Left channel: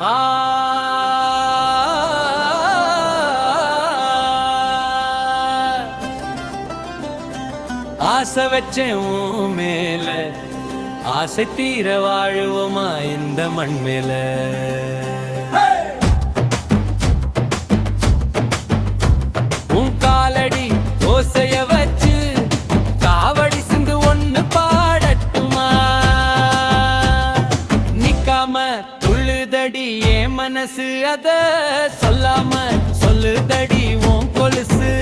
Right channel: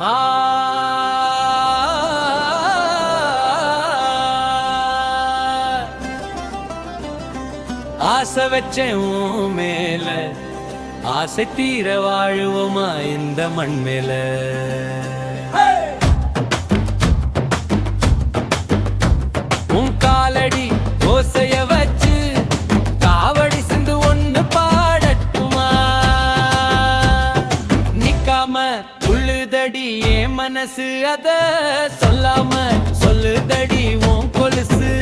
ஆ ஆசை வச்சேன் உன் மேல, ஆசை தீர வாழுவோமா இந்த மண் மேல. உன் காலடி ஓசைய வச்சு காவடி சிந்து ஒண்ணு பாடட்டுமா? நிக்காம துள்ளுதடி என் மனசு, அத சொல்லாம சொல்லுதடி உன் கொலுசு.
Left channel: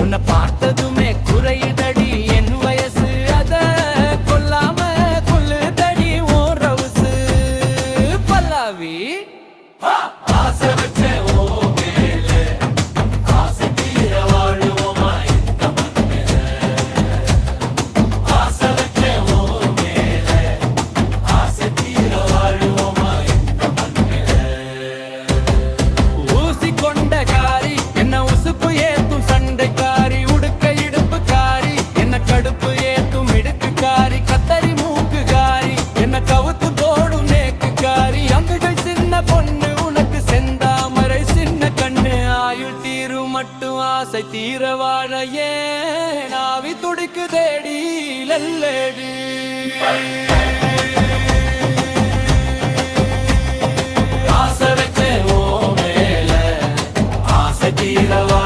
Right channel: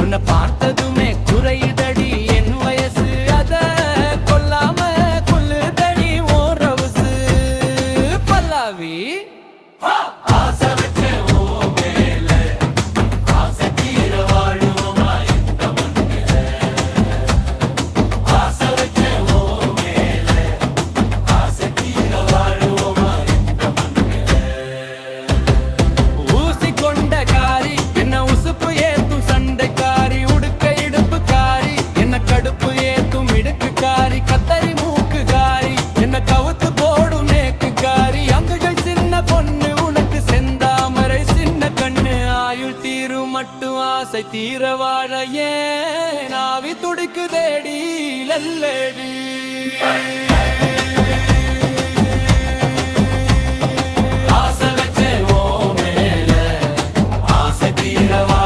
உன்னை பார்த்ததுமே குறையுதடி என் வயசு, அத கொல்லாம கொல்லுதடி உன் ரவுசு. பல்லாவி ஆசை வச்ச உன் மேல, ஆசை தீர வாழுவோமா இந்த மண் மேல. ஆசை வச்ச உன் மேல, ஆசை தீர வாழுவோமா இந்த மண் மேல. ஊசி கொண்ட காரி என்ன உசுப்பு ஏத்தும் சண்டைக்காரி, உடுக்க இடுப்பு காரி என்ன கடுப்பு ஏத்தும் இடுக்கு காரி, கத்தரி மூக்கு காரி என்ன கவுத்து போடும் நேக்கு காரி. அங்குகள் சின்ன பொண்ணு உனக்கு செந்தாமரை சின்ன கண்ணு, ஆயுள் தீரும் மட்டும் ஆசை தீர வாழ ஏன் ஆவி துடிக்கு தேடி லல்லடி. ஆசை வச்சே ஓ மேல, ஆசை தீர வாழ